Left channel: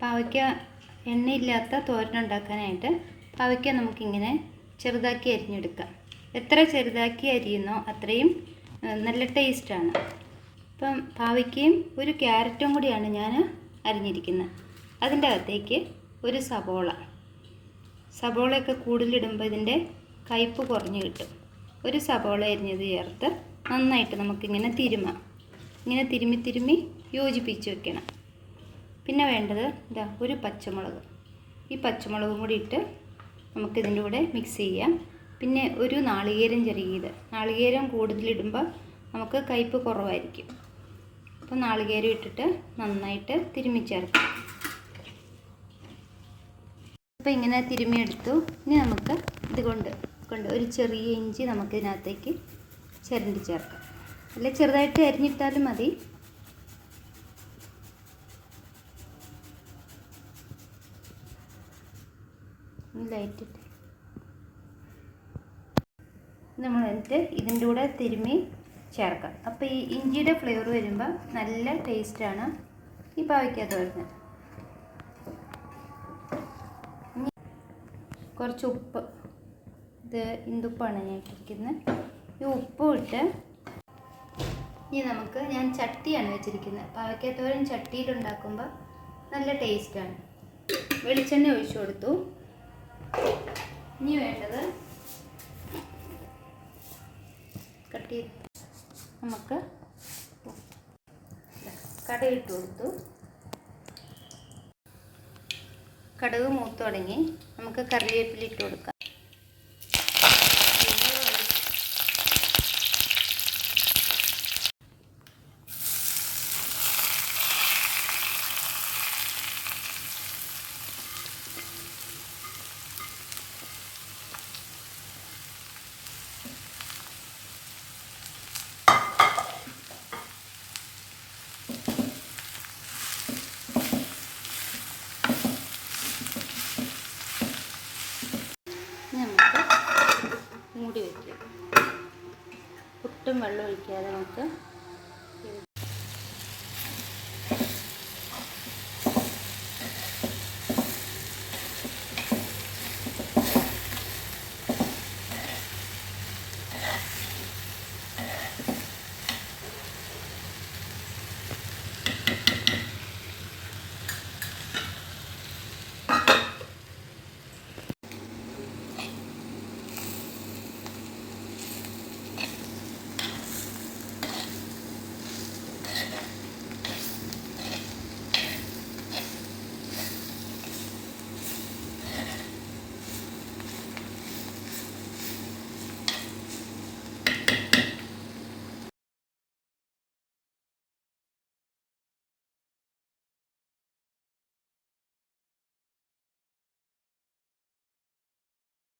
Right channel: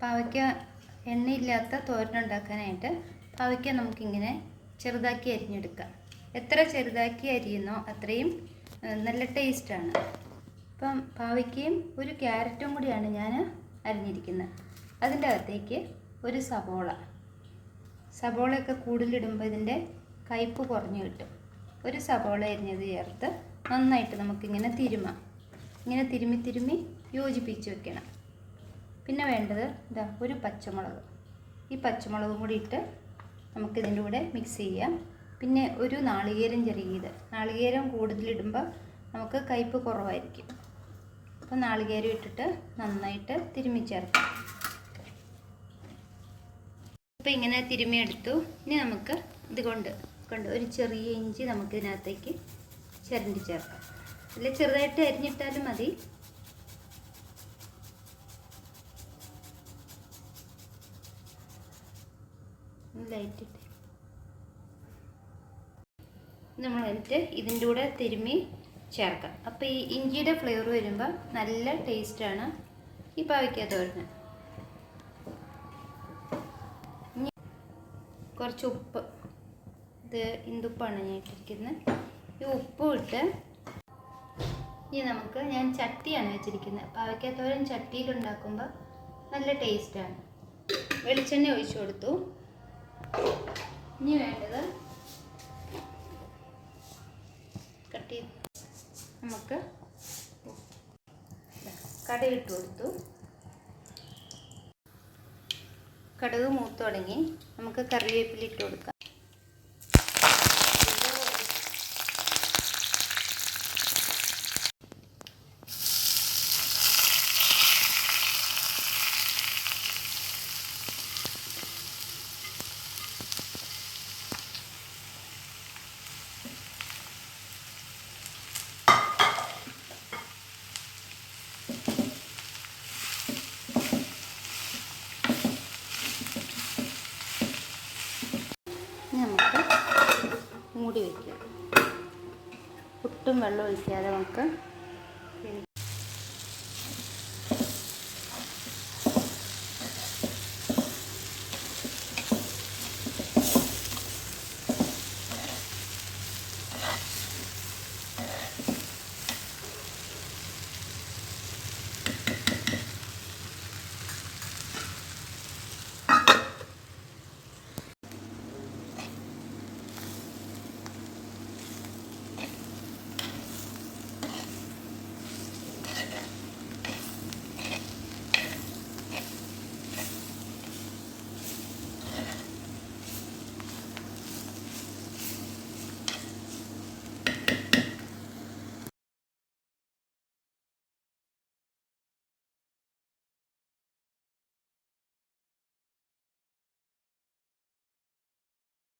പാവയ്ക്ക എണ്ണയില്ലാത്ത തോരൻ ഉണ്ടാക്കാനായിട്ട് പാവയ്ക്ക നമുക്കിങ്ങനെ ചെറുതാക്കി അരിഞ്ഞെടുക്കാം. എത്ര ചെറുതാക്കി അരിയുന്നോ അത്രയും നല്ല ടേസ്റ്റാണ്. ഇപ്പം പാവയ്ക്കയും ഒരു ക്യാരറ്റും കൂടിയാണ് ഞാൻ അരിഞ്ഞിരിക്കുന്നത്. അതിന്റെ അകത്തേക്ക് ഒരു സബോള സബോളയൊക്കെ കൂടുതലിടുമ്പോൾ ഇതിന്റെ കയ്പ്പ് കുറഞ്ഞ് കിട്ടും. ഒരു സബോള അരിഞ്ഞത് ചേർത്ത് നന്നായിട്ട് നമുക്കിങ്ങനെ തിരുമാം. ഇങ്ങനെ തിരുമ്മി തിരുമ്മി യോജിപ്പിച്ച് വെക്കണം. പിന്നെ വേണ്ടത് ഇതാ ഒരു പച്ചമുളക്. ഈ പച്ചമുളകും കൂടി ഇട്ട് നമുക്കിതിന്റെ കൂടെ മിക്സ് ചെയ്യാം. പിന്നെ ഒരു നാളികേരം ചെറിയത് നാളികേരം കൂടുതലിടുമ്പോൾ നമുക്ക് കയ്പ്പ് കുറവായിരിക്കും. അപ്പോൾ നാളികേരം ഇട്ടിട്ട് നന്നായിട്ട് തിരുമ്മി ചേർക്കാം. അപ്പോൾ ഇങ്ങനെ തിരുമ്മിയെടുത്തു ഇനി നമുക്ക് ഇത് കൊണ്ട് കൊണ്ട് ഒരു ചെറിയ ഇഞ്ചി നമുക്ക് ഇതിനകത്തേക്ക് ചിരണ്ടി ചേർക്കാം. അല്ല ചെറുതായിട്ട് അരിഞ്ഞിട്ടാലും മതി. ലൈറ്റ് നമ്മൾ എന്നിട്ട് ഇതിന്റെ കൂടെ തിരുമ്മി ചേർക്കാം. അപ്പോൾ ഈ ഇഞ്ചിയുടെ ഫ്ലേവർ വരുമ്പോൾ നല്ല ടേസ്റ്റാണ് ഈ പാവയ്ക്കകത്ത് വരുന്നത്. കുറച്ച് ഉപ്പ്. ഇത് ഇന്ദുപ്പാണ് ഞാൻ ഇട്ടിരിക്കുന്നത്. ഈ ഉപ്പും ഇട്ട് ഇനി നമുക്ക് ഞാൻ ചട്ടിയാണ് വെച്ചിരിക്കുന്നത്. പാവയ്ക്കത്തോരൻ ചട്ടിയിലുണ്ടാക്കുമ്പോൾ നല്ല ടേസ്റ്റാണ് വെളിച്ചെണ്ണ ഒഴിച്ചു കൊടുത്തു. ഇനി വേണ്ടത് കട്ടി നമുക്ക് കടയിട്ട് കൊടുത്തു. കടുക് മൂത്ത് തുടങ്ങി. നമുക്ക് കറിവേപ്പില ഇട്ട് കൊടുക്കാം ഇനി നമുക്ക് മൂടി വെക്കുക. ഒട്ടും വെള്ളം ഒഴിക്കാതെ നമുക്ക്